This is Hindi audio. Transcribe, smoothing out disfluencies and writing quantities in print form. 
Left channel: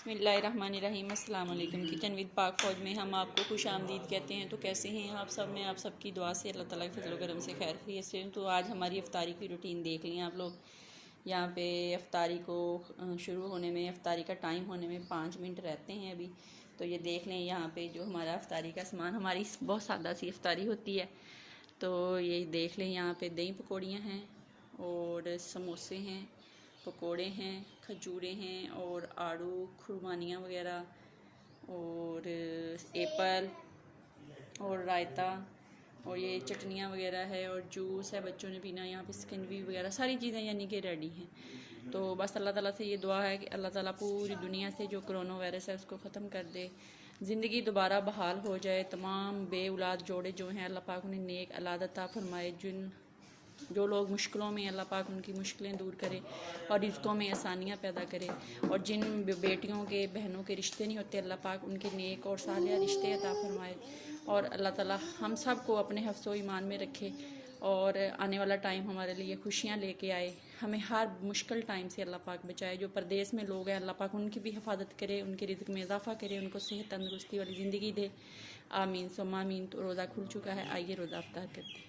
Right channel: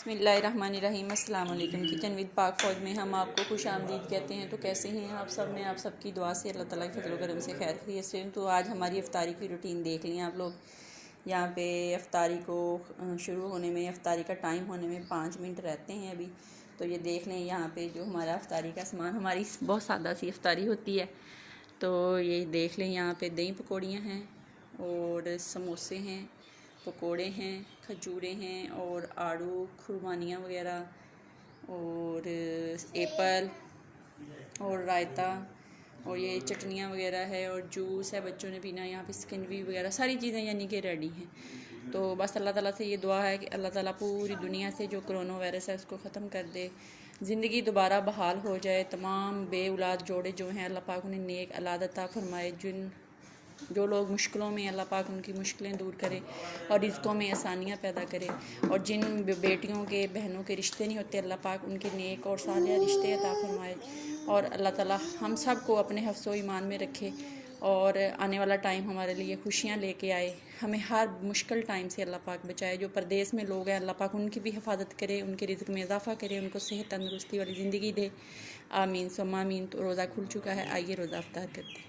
बिस्मिल्लाहिर्रहमानिर्रहीम। अस्सलाम वालेकुम। किचन विद पाक फ़ौज में हम आपको खुश आमदीद कहते हैं। तो कैसे हैं आप सब? में आप सबकी दुआ से अल्लाह ताला के फज़ल व करम से खैर खैरियत से। तो आज हमारी इफ्तारी की रूटीन देख लें आप लोग। यहाँ पे इफ्तारी को शुरू होने में, इफ्तारी का टाइम होने में 5 मिनट रहते हैं अभी। तो ये देख लें यहाँ पे जो हमारा इफ्तारी का सामान, हमारी बहुत सादा सी इफ्तारी होती है। तो ये देख लें यहाँ पे दही पकौड़ियाँ हैं और समोसे हैं, पकोड़े हैं, खजूरें हैं और आड़ू खुरमानियाँ वगैरह और एप्पल और रायता और ये चटनियाँ वगैरह है और जूस है बच्चों ने पीना। यहाँ पे स्किनवी वगैरह सारी चीज़ें यानी कि रेडी हैं। तो बस अल्लाह ताला से ये दुआ है कि अल्लाह ताला पूरी दुनिया से जो कोरोना वायरस है उसको ख़त्म कर दे, ज़िंदगी दोबारा बहाल हो जाए। तमाम बे औलाद जोड़े जो हैं अल्लाह पाक उन्हें नेक औलाद अता फरमाए। जो लोग मुश्किलों में, अल्लाह पाक उनकी मुश्किलें दूर करे और रिज़्क़ों में आसानियाँ पैदा करे। और जिन बेटियों के, बहनों के रिश्ते नहीं होते, अल्लाह पाक उनके नेक और सालिह रिश्ते अता फरमाए। और अल्लाह ताला हम सब को अपने हफ्ज़ो ईमान में रखे और आने वाला टाइम हमारे लिए खुशियाँ लेके आए। हमें हर मुश्किल टाइम से अल्लाह पाक बचाए। जो परदेश में लोग हैं अल्लाह पाक उनकी भी हिफाजत करे, उनके रिज़्क़ में इजाफ़ा करे, उनको सेहत तंदुरुस्ती वाली ज़िंदगी दे। आमीन सुम्मा आमीन। तो रोज़ा खुल चुका है, आइए रोज़ा अफ्तार करते हैं।